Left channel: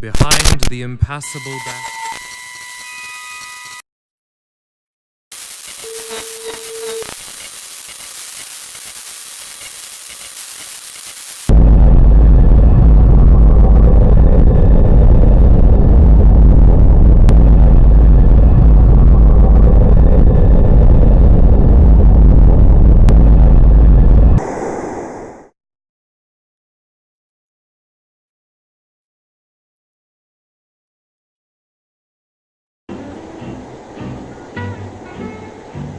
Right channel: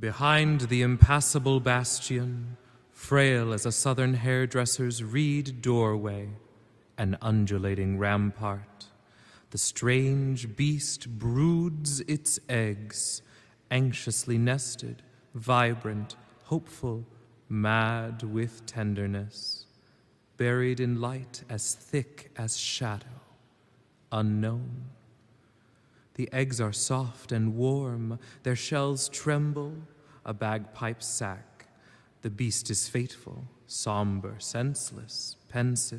Behind the impassable bastion, frail as a southern hairdresser's reed doorway, an undulating rampart, the strange beast broods its eggs, anxiously nested, vibrant, hopeful, mad with tenderness, buried in light as thick as shadow, unknown. The eggs are soft and warm, their shells tremble, a bagpipe sack. The beast is faithful, somber, senseless, pensive,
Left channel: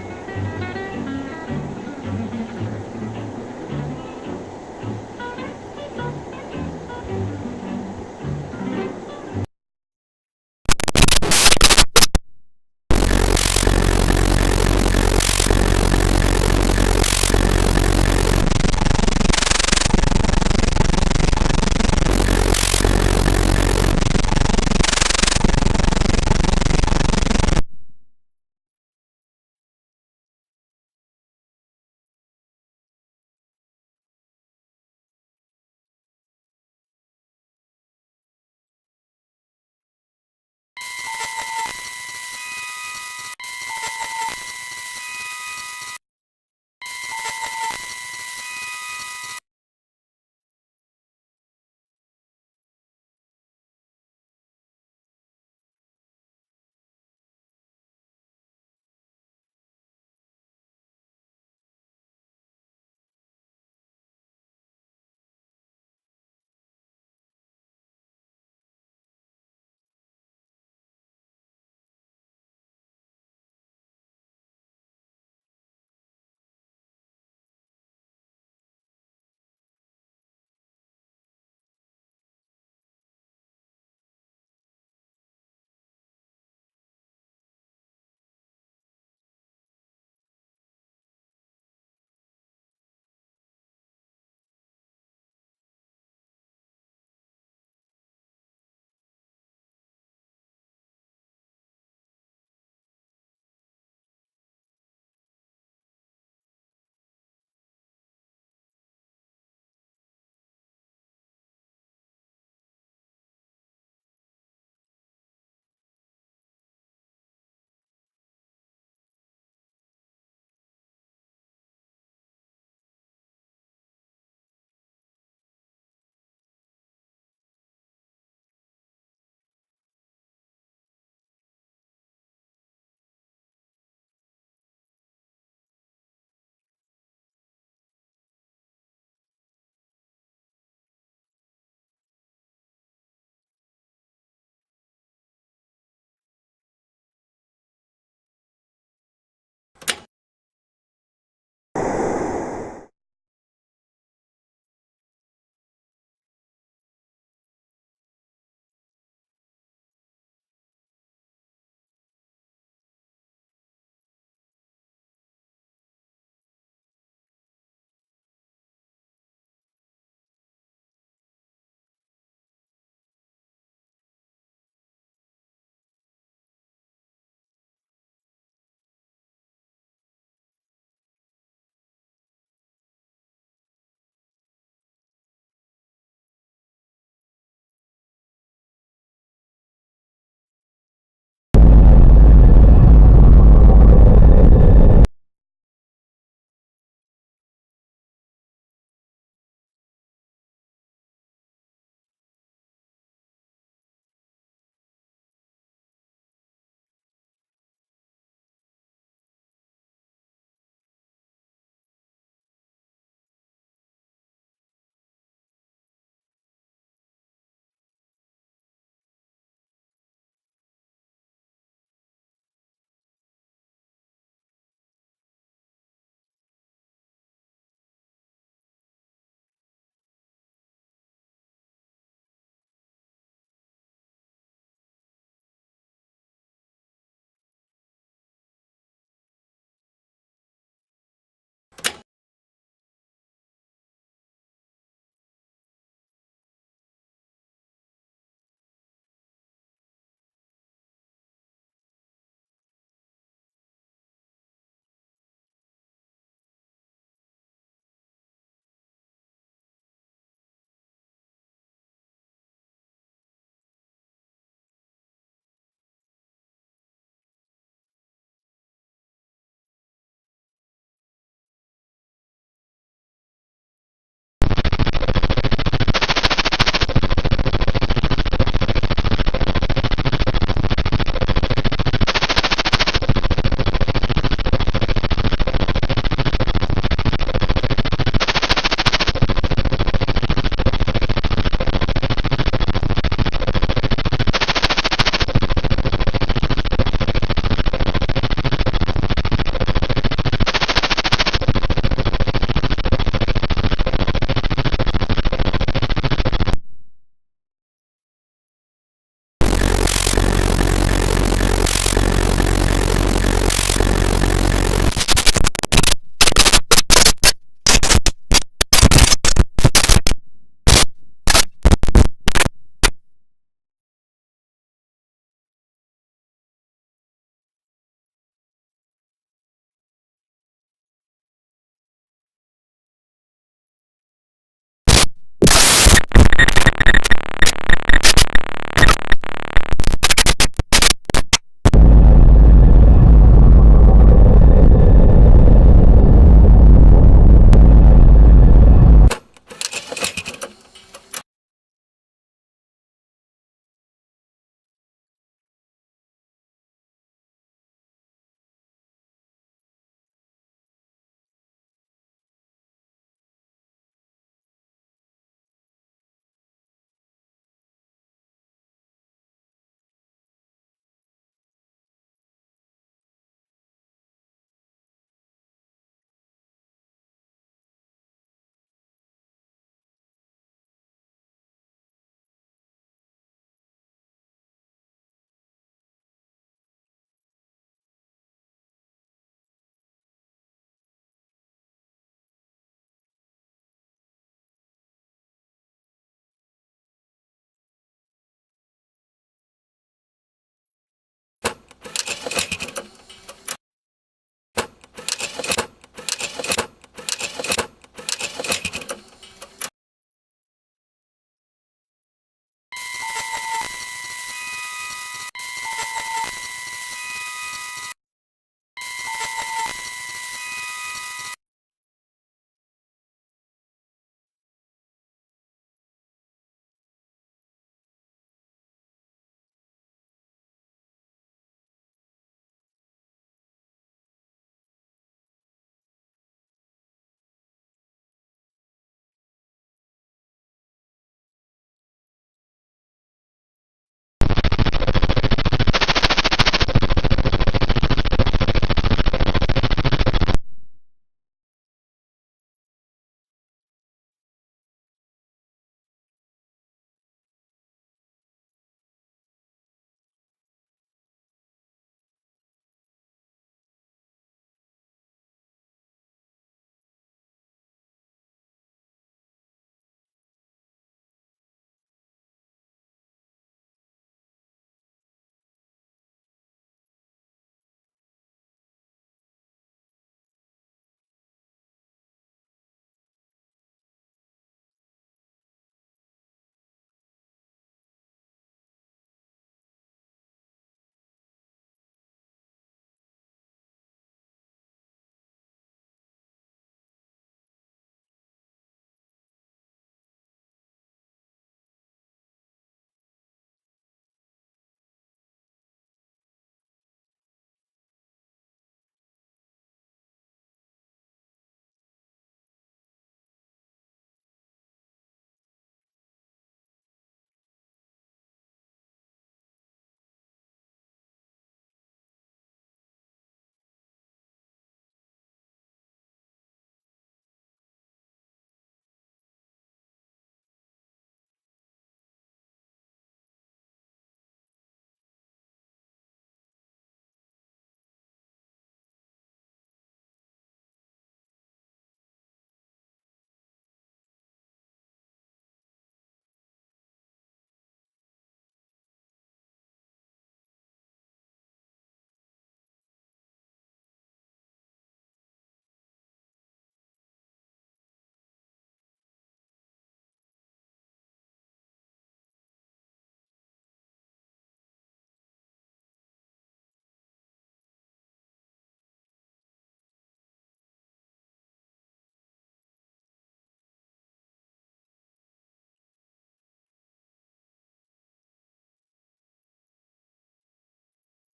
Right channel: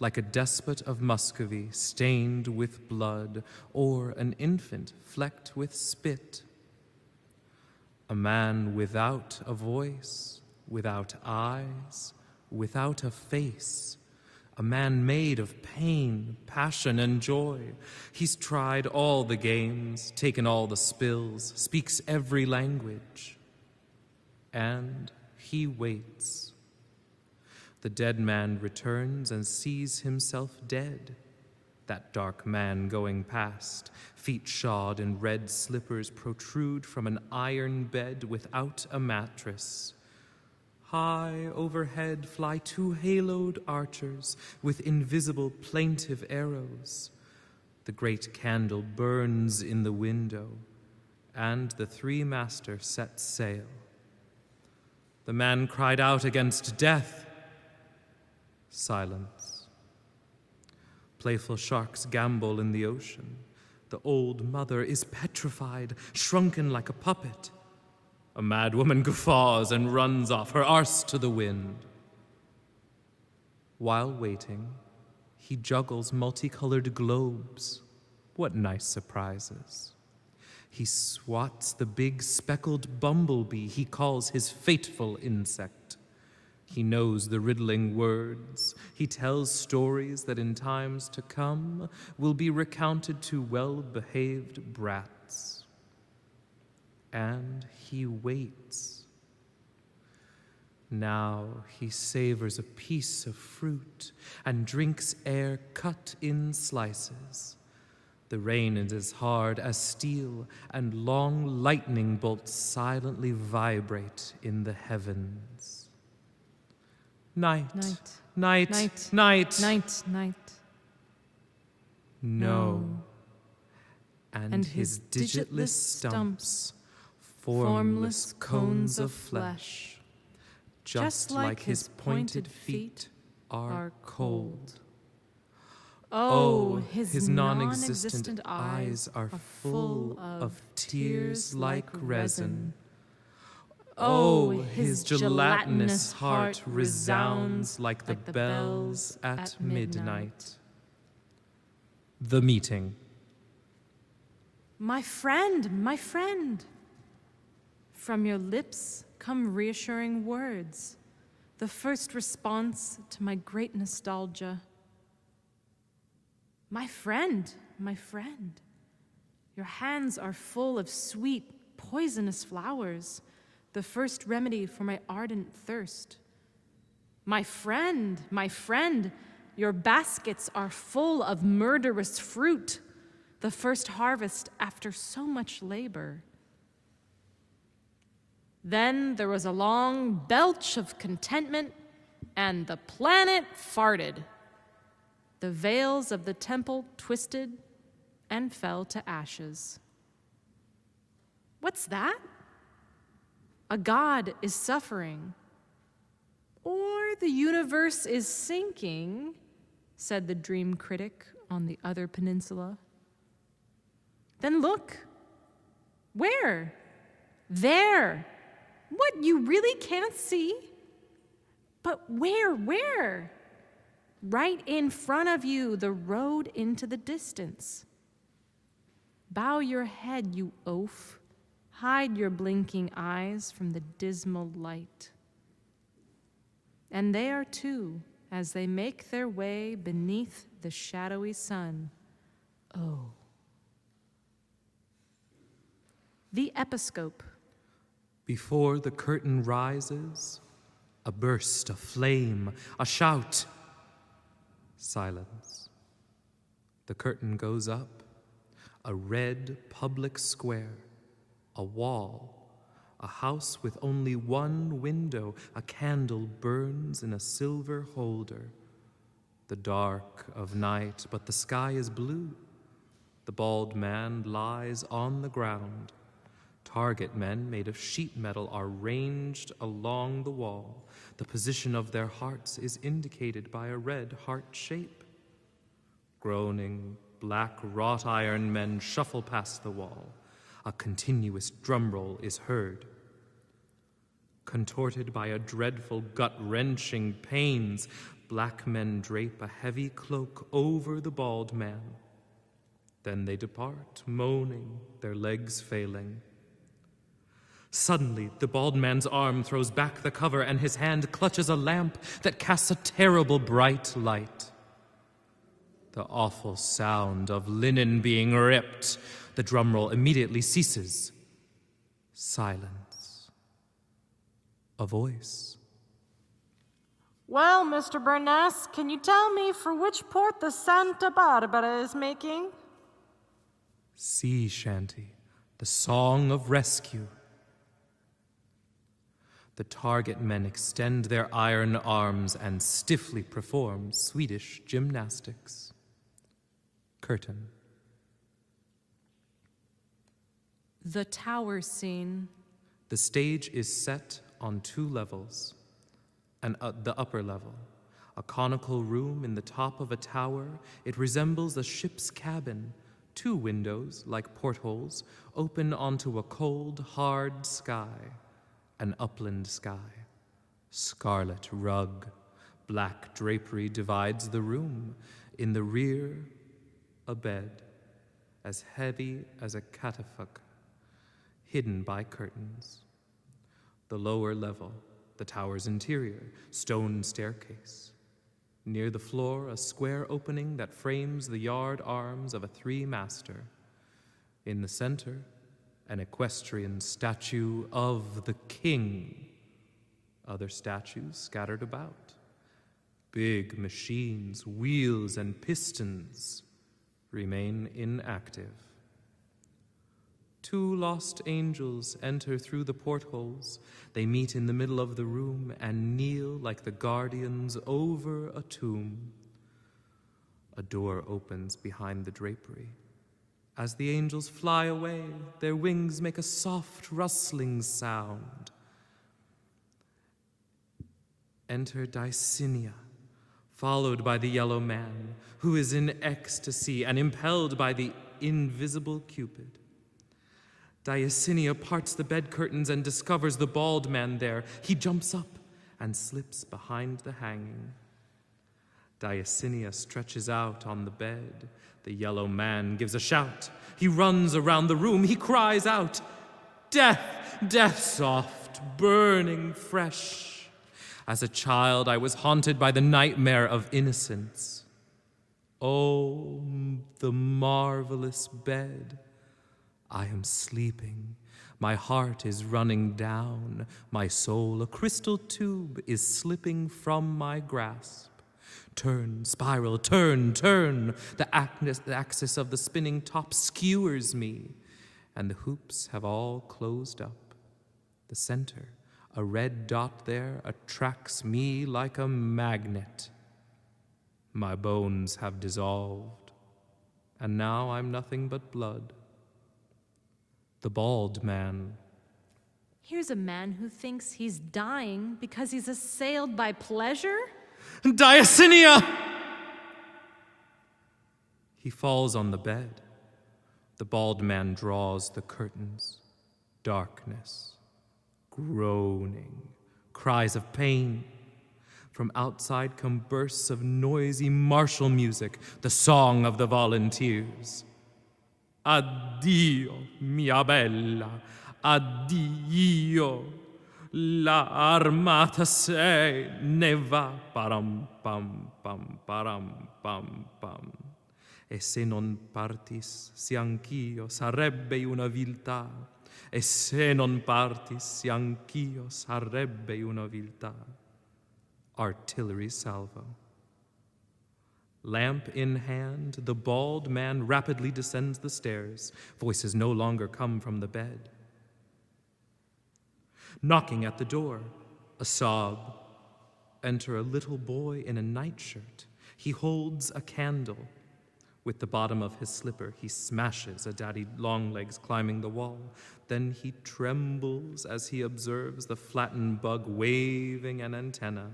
like a despot of Muscovy stained with blood, or an infant flecked with spit. A man without a voice, without eyes, without a face. He's tried all the games, taken all the spills, speaks every language. The dead man returns and sees himself dead. That dark man going past, feet shod in red slippers, protrude from an iron bed without a mattress. High overhead fly two haloed archers with invisible plaintive arrows. The great candle burns in the window, and the three masters set sail. The man cried out against death. Silence. Playful sharks gambol in the ocean. The old mother is petrified, shrunken like a puppet. A mad woman guffaws and runs off, her arse to the wind. While waiting, he juggles multicolored globes. What nice surprises. He swats the big speckled bumblebee he calls his fateful insect. He knows the riddling words. He tells stories that in times to come will be recounted to well-behaved brats. And he waits. Now he savors a piece of fruit and drinks air cut in slices. The rain is as hard as steel, and long lightning bolts silently vibrate in the heavens. Night, night, night, night, night, night. No. And his digitless stumps, formless cones of flesh, just like his pointed feet, are cold. Oh, his non-existent eyes are full of tears like resin. Oh, his gelatinous heart resounds like the bells at midnight. The meeting. My friend, from your lips come reassuring words, the first response to my great nostalgia. My friend, your hands are full of sweet, poisonous flowers, the first remedy for my ardent thirst. My friend, your baskets are full of murderous fruit, the first harvest after so much labor. Then there was a long belch of contentment, and the planet farted. The veils of the temple twisted and fell to ashes. What's that? A god is suffering. Or the universe is sinking, said the dream critic on the other peninsula. Then look. Where? There. What, you really can't see? But where? Right in front of you, the road into the distance. Bow your head, you oaf. Hide your blinking eyes from the dismal light. And they are too, as they make their way beneath the shadowy sun. Oh. The Episcope. Before the curtain rises, a burst of flame, a shout. Silence. The curtain goes up. A red public square. A wall. A house with only one window, a candle burns in a silver holder. The dark of night, but the sky is blue. The bald man lies on the ground. Target men made of sheet metal are ranged along the wall. The position of their hearts is indicated by a red heart shape. Groaning, black wrought iron men shuffle past the wall. A continuous drum roll is heard. Contorted by a dreadful gut-wrenching pains, black men drape a heavy cloak over the bald man. Suddenly, the bald man's arm goes back to cover and his hand clutches a lamp that casts a terrible bright light. The awful sound of linen being ripped. The drum roll immediately ceases. Silence. A voice. Well, Mr. Burness, can you tell me for which port the Santa Barbara is making? Sea shanty. Song of rescue. Target men extend their iron arms and stiffly perform Swedish gymnastics. Curtain. The tower scene. The stage is set on 2 levels. The upper level, a conical room in the top of a tower, it resembles a ship's cabin. 2 windows, like portholes, open onto a cold, hard sky. An upland sky. Scarlet rug, black drapery divides the room. In the rear, a bed, as heavy as a catafalque, hidden by curtains. The lower level, the tower's interior, stone staircase. Near the floor, a square opening that frames the yard arms of a 3-master. In the center, an equestrian statue of the king. Other statues scattered about. Big machines, wheels and pistons remain inactive. 2 lost angels enter through the portholes. They meet in the middle of the room and kneel like the guardians over a tomb. A door opens behind the drapery. As the angels fly away, their wings make a soft rustling sound. Enter Dicinia, followed by the yellow man, who is in ecstasy and impelled by the invisible Cupid. Dicinia parts the bed curtains and discovers the bald man there. He jumps up and sits behind the hanging. Dicinia stretches out on the bed. The yellow man gives a shout. He runs around the room. He cries out, "Death, death soft, burning fresh." As a child, I was haunted by the nightmare of innocence. Oh, the marvelous bed. I am sleeping. My heart is running down. My soul, a crystal tube, is slipping from my grasp. Turn, spiral, turn, turn. The axis of the spinning top skewers me, and the hoops have all closed up. The center, a red dot there, attracts me like a magnet. My bones have dissolved, and now I'm nothing but blood. The bald man. Here's a man who thinks he's dying because he's assailed by pleasure? Dicinia! He falls on the bed. The bald man draws the curtains. Darkness. Groaning. Cries of pain. From outside come bursts of noisy martial music, the song of the volunteers. Addio, mia bella, addio. La armata se ne va, param pam pam param pam pam. E se non partis, se anch'io sarebbe una viltà. E se non partis, se anch'io sarebbe una viltà. Artillery salvo. Lamp in hand, the bald man rapidly descends the stairs. Voices no longer come from the bed. Knocking at the door, a sob. Enter a little boy in a nightshirt. He holds a candle. With the bottom of his slipper, he smashes a daddy longlegs climbing the wall. Then he trembles as he observes the flattened bug waving an antenna.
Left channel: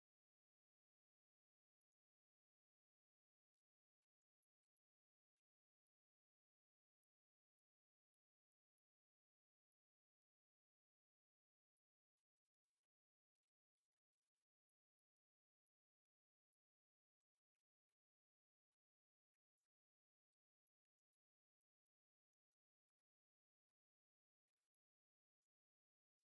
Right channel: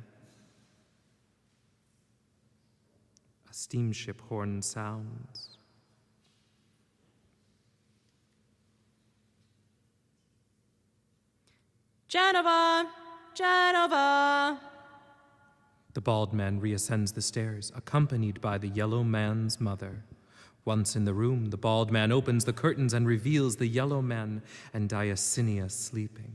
A steamship horn sounds. Genova! Genova! The bald man reascends the stairs, accompanied by the yellow man's mother. Once in the room, the bald man opens the curtains and reveals the yellow man and Diacinia sleeping.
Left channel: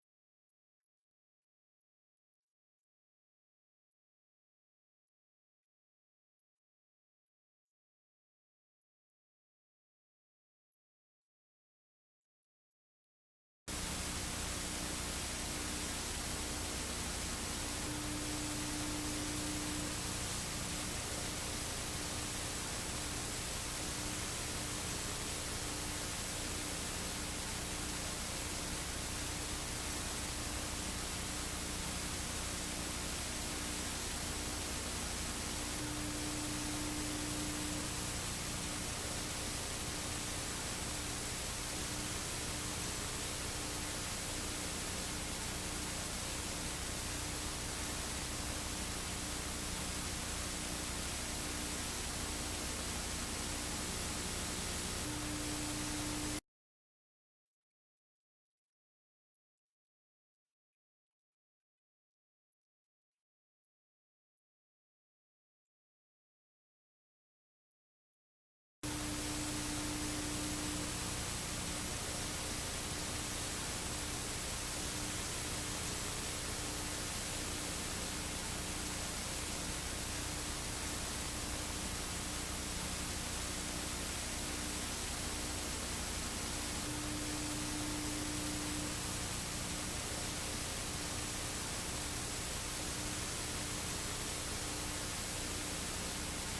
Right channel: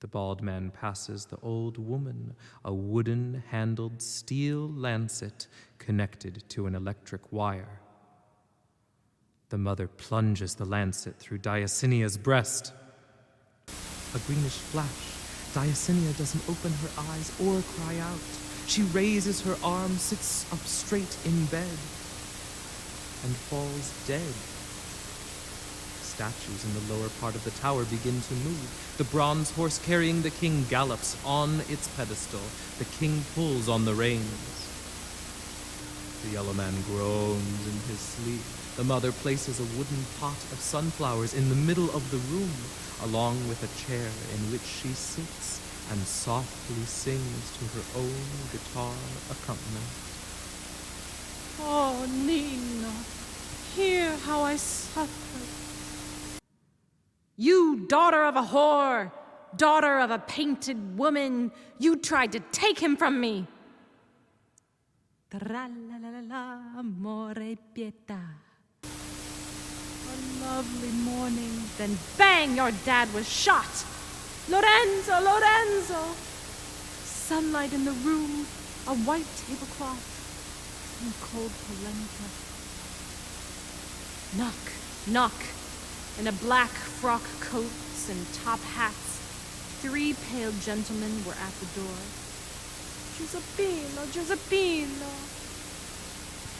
The bald man passes the old woman a wooden-handled steel lancet connected to an electric wire. The mother plunges the lancet through Diacinia's breast. A greenish flash. Diacinia doesn't open her eyes or cry out. She raises her arm, sits up straight in bed, and falls dead. Statues in the lower part of the tower begin to move. The bronze horse carrying the king gallops on its pedestal. The king pulls on the reins. The yellow man groans in his sleep. The mother places a wooden pot of sunflowers in the middle of the room, along with a chair in which she sits and softly sings to her own guitar accompaniment. Oh, Nina, hear how I suffer. You daughter of a whore, daughter of a painted woman, you tried to take him from me. Tra-la-la-la-la, amore pietà. A lovely morning, then bang, your dad was shot. Lorenzo, Lorenzo! Sunlight in the room, a white tablecloth, some cold polenta. Knock, knock. In a black frock coats and top hats, 3 pale gentlemen were at the door. Giuseppino, Giuseppino!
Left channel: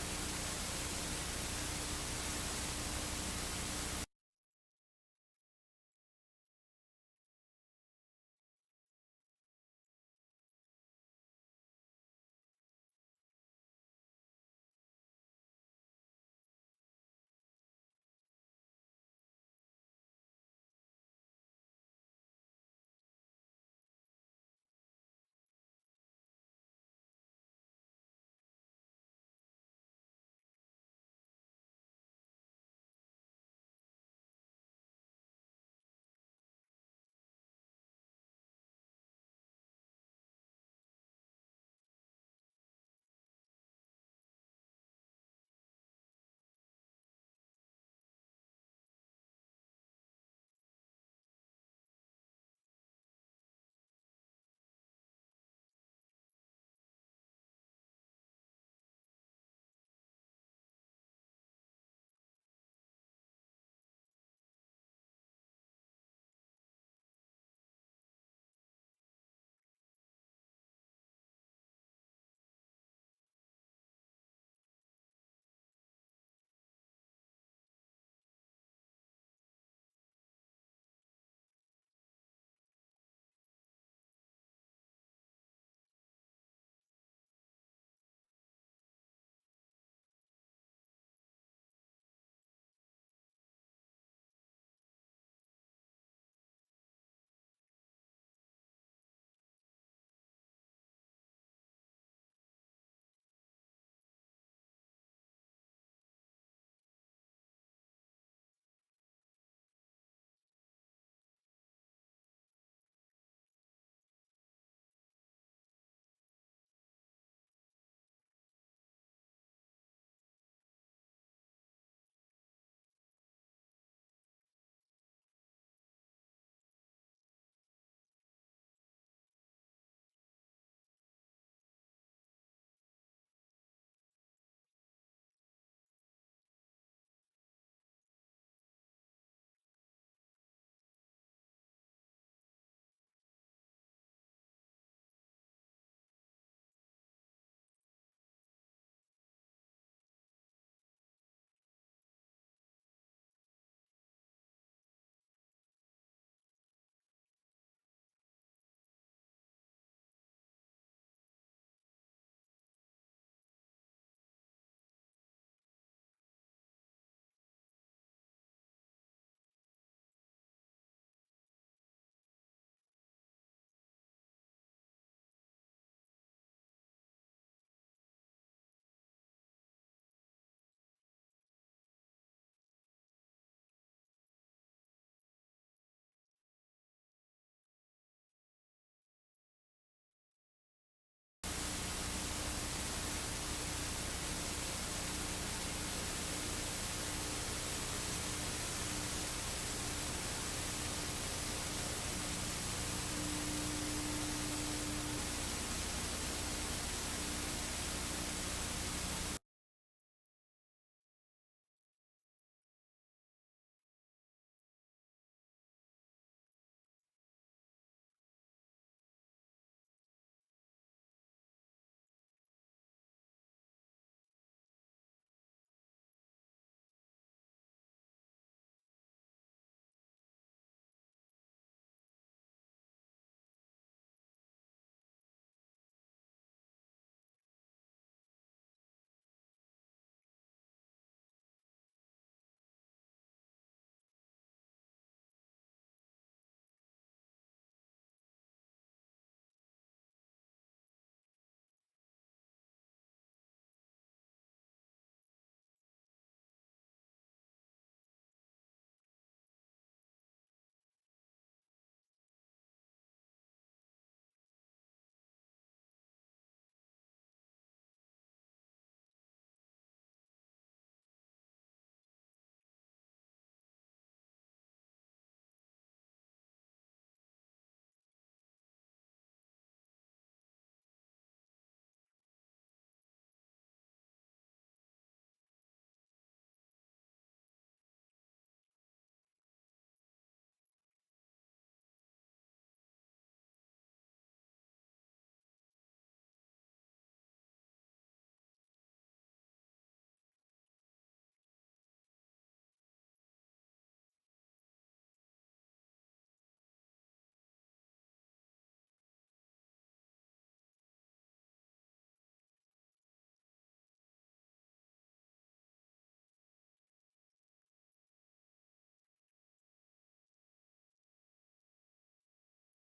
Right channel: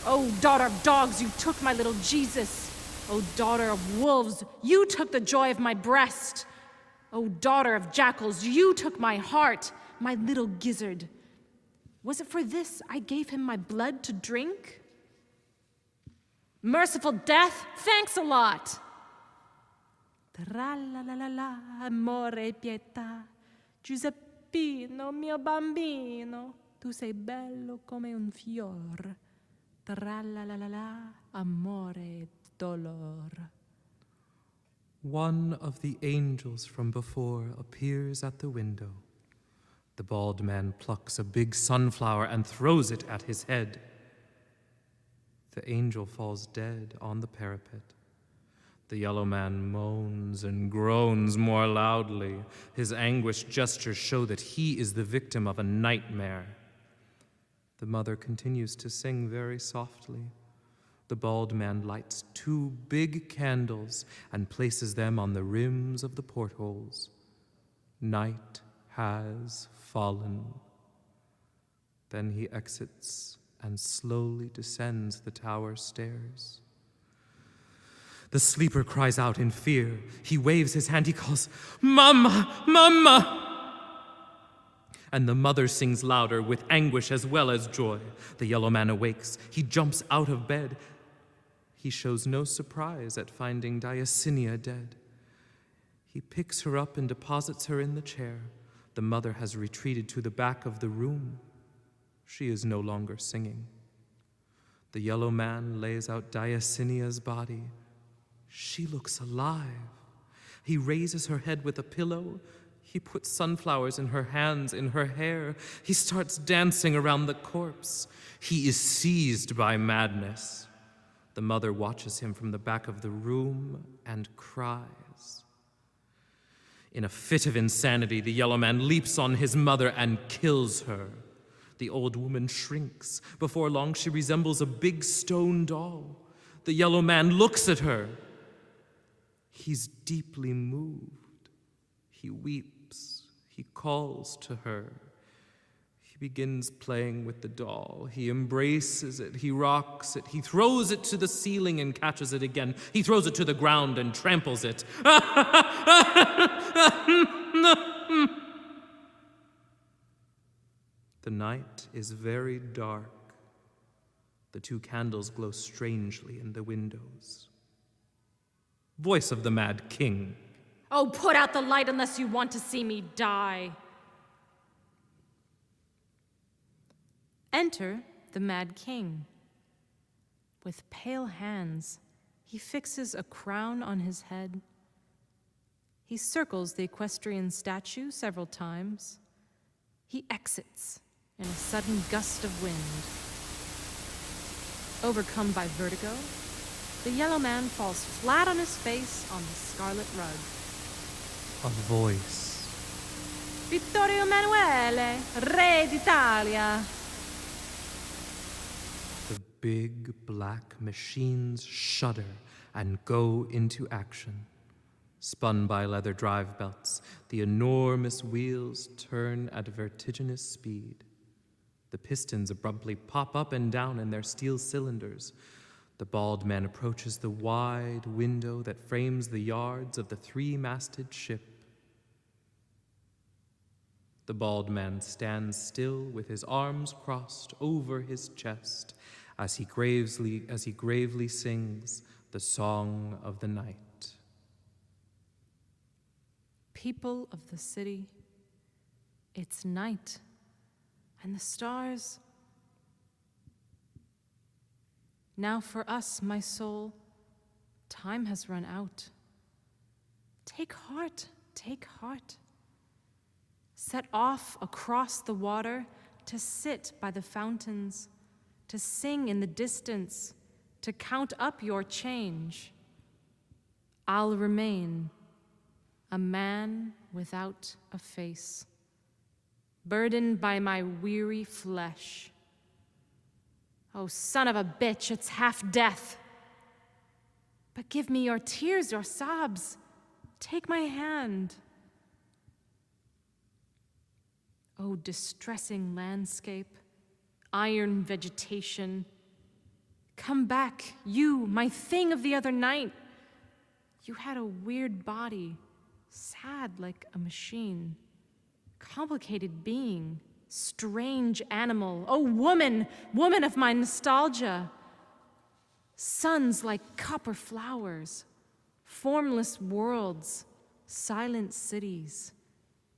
Oh, daughter of dogs, you took my little Jesus. Oh, daughter of wolves, you took the joy of my breast. Oh, daughter of jackals, you took my heart, my little gizzard. Was it for this I gave him my blood to drink? Merciful death, thanks a lot. Tra-la-la-la-la, amore pietà, Giuseppino, mio bambino, tu sei bello come un fior. Tra-la-la-la-la, amore dolor. One of the angels from before appears at the window. The bald man plucks a big sunflower and throws it at his head. The angel falls dead on the parapet. The yellow man moans and groans more loudly. His anguished gestures show that he is the victim of a nightmare. The mother continues to sing very softly. The bald man lights 2 big candles and places them on the rims of the portholes. Night has fallen. Then he exits and slowly descends the tower stairs. The sleeper cries out in fear. He waves his hand. He calls, "Mama! Mama!" And the mother sings louder with anguish as well as joy. The yellow man awakes. He jumps out of bed. He shows no surprise at finding Diacinia dead. He picks her up and deposits her in the chair. The mother has retreated to the back of the room. She is no longer singing. The yellow man lays out Diacinia's body. She looks alive. He raises her head with a pillow. He puts sunflowers in her hands, in her hair. He starts dancing around the corpse. He is seized by madness. The mother watches him from the back of the room and cries. In a fit of insanity, the yellow man leaps on his mother and kills her. The old woman shrinks. Before long, she resembles a big stone doll. The yellow man looks at her. He's deeply moved. He weeps. He calls to her. He begins playing with the doll. He embraces it. He rocks it. He throws it to the ceiling and catches it again. He throws it to the ground and tramples it. night is very dark. The two candles glow strangely in the windows. Voice of the Mad King. Oh, put out the light unless you want to see me die. Enter the Mad King. With pale hands, he fixes a crown on his head. He circles the equestrian statue several times. He exits in a sudden gust of wind. Overcome by vertigo, the yellow man falls flat on his face on the scarlet rug. A voice. Vittorio Emanuele, Re d'Italia. The big black machines shudder and go into action. Spun by leather drive belts, the enormous wheels turn at vertiginous speed. The pistons abruptly pop up and down in their steel cylinders. The bald man approaches the wide window that frames the yards of the three-masted ship. The bald man stands still with his arms crossed over his chest as he gravely sings the song of the night. People of the city, it's night, and the stars. Now for us, my soul, time has run out. Take heart, take heart. Set off across the water to sit by the fountains, to sing in the distance, to count up your change. I'll remain a man without a face, burdened by my weary flesh. Oh, son of a bitch, it's half death. But give me your tears, your sobs. Take my hand. Oh, distressing landscape, iron vegetation. Come back, you, my thing of the other night. You had a weird body, sad like a machine, complicated being, strange animal. Oh, woman, woman of my nostalgia. Suns like copper flowers, formless worlds, silent cities,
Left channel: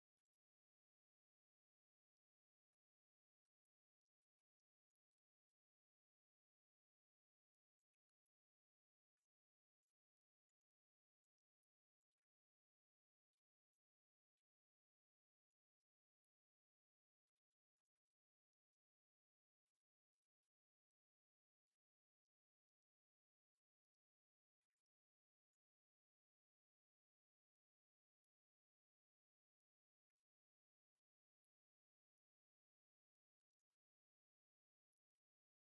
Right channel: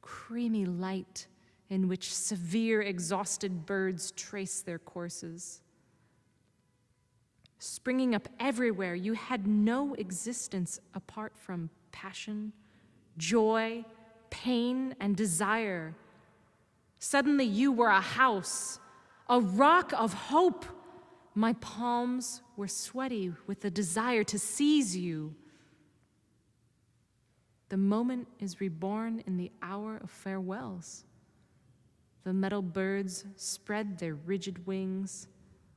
creamy light in which severe, exhausted birds trace their courses. Springing up everywhere, you had no existence apart from passion, joy, pain, and desire. Suddenly you were a house, a rock of hope. My palms were sweaty with the desire to seize you. The moment is reborn in the hour of farewells. The metal birds spread their rigid wings.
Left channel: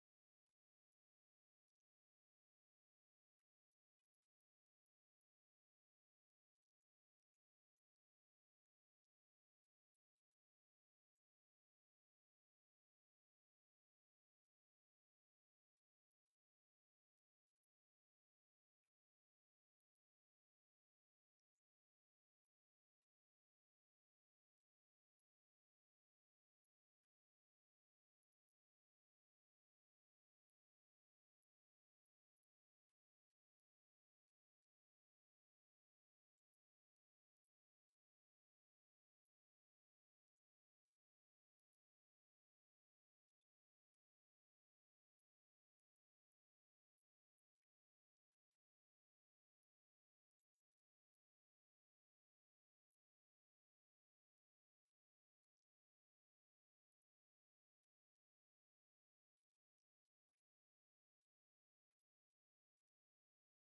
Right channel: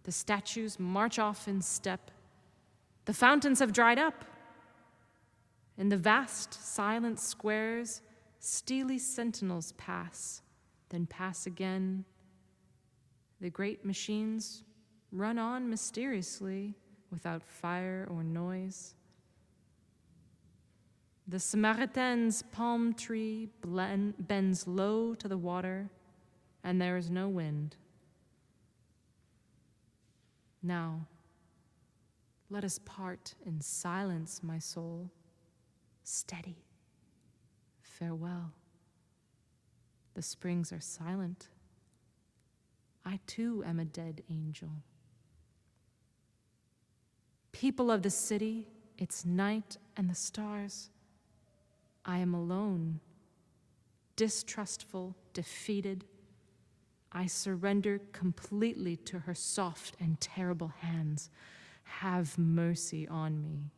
The statues march off in step. The fountains have dried up. In the vast, silent squares, steely sentinels pass, then pass again. The great machines run on mysteriously, without fire or noise. The Samaritain's palm tree bends low to the water, and there is no wind. Now, let us part in silence, my soul. Steady. Farewell. The springs are silent. I too am a dead angel. People of the city, its night and the stars. I am alone, distrustful, defeated. I surrender completely to her soft and terrible hands. Have mercy on me.